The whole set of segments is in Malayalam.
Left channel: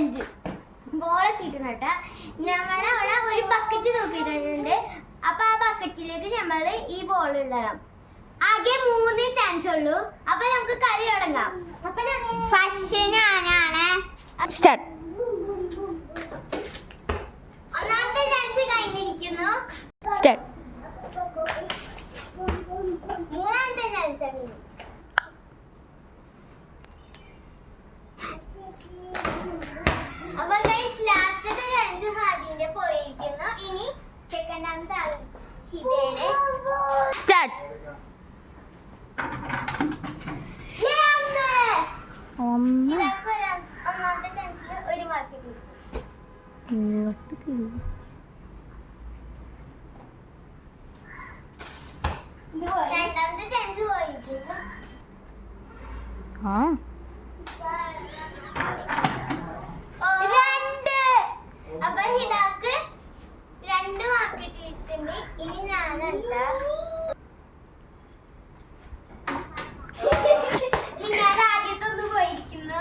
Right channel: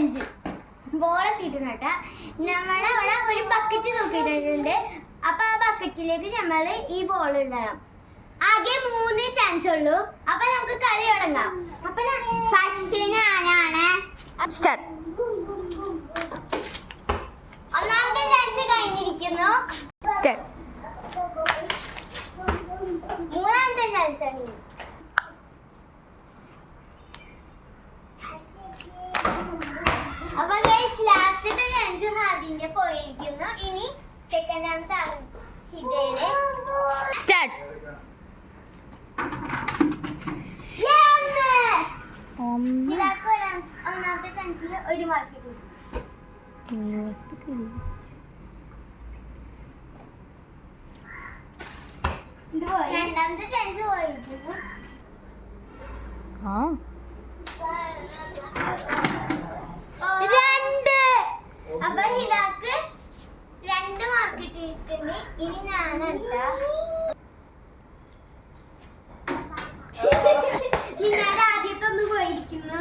ചലഞ്ച്. ബോൾ എത്തിയിട്ടുണ്ട്. നമ്മളവിടെ ഒരു ബക്കറ്റ് തൂക്കിയിട്ടുണ്ട്. അപ്പൊ ആ ബക്കറ്റിലേക്ക് നമ്മൾ ഈ ബോൾ ഇടണം. ആകെ 3 ചാൻസ് ഉള്ളൂ. അപ്പൊ നമുക്ക് കളി തുടങ്ങാം. അപ്പൊ ഫസ്റ്റ് ഞാനാണ്. സ്റ്റാർട്ട്. ഒന്നാമത്തെ ചാൻസ് കഴിഞ്ഞിരിക്കുന്നു. സ്റ്റാർട്ട്. മൂന്നാമത്തെ ചാൻസ് ആണ്. അപ്പൊ ഗൈസ് ലാസ്റ്റത്തെ ചാൻസ് ഹാദിന്റെ പോയിരിക്കുന്നു. ഇനി സെക്കൻഡാമത്തെ ആണ് ഹിദയുടെ. സ്റ്റാർട്ട്. ഒന്നാമത്തെ ചാൻസിൽ 1 മാർക്ക് കിട്ടും. രണ്ടാമത്തെ ചാൻസ് പോയിരിക്കുന്നു. അപ്പൊ ഹിദാക്ക് 2 മാർക്ക് കിട്ടിയിട്ടുണ്ട്. ഇനി ഞാനല്ല, ഞാൻ ആദ്യത്തെ ഒന്ന് പോയിരിക്കുന്നു.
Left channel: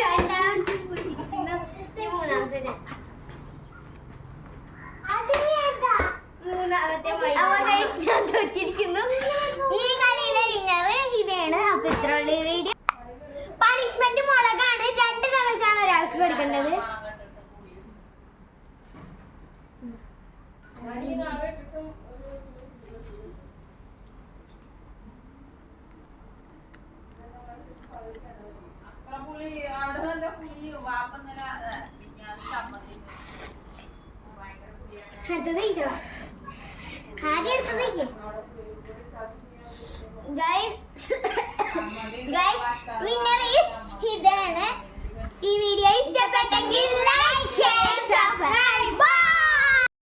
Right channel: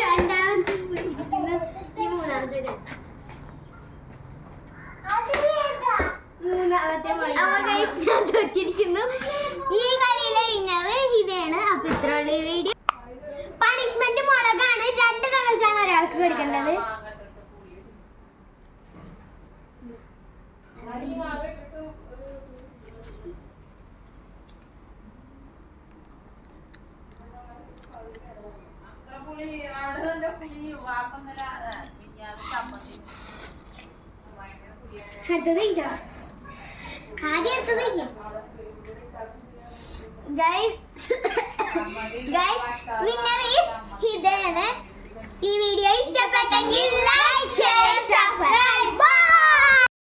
രണ്ടാമത്തെ പോയിരിക്കുന്നു. ഈ മൂന്നാമത്തെ ഞാൻ തോറ്റിരിക്കുന്നു. ഈ കളിയിലെ വിന്നർ ഹിദയാണ്. അപ്പൊ ഇത്രയുള്ള വീഡിയോ. പണിഷ്മെന്റ് മുളകാണ്. 2 ദിവസമാണ് ഒരാൾക്ക് കൊടുക്കേണ്ടത്. അടുത്തത് ആദ്യം അടുത്തത് വിന്നർ ഈസ് ഹിദയാണ്. ഈ വീഡിയോ ഇഷ്ടപ്പെട്ടെങ്കിൽ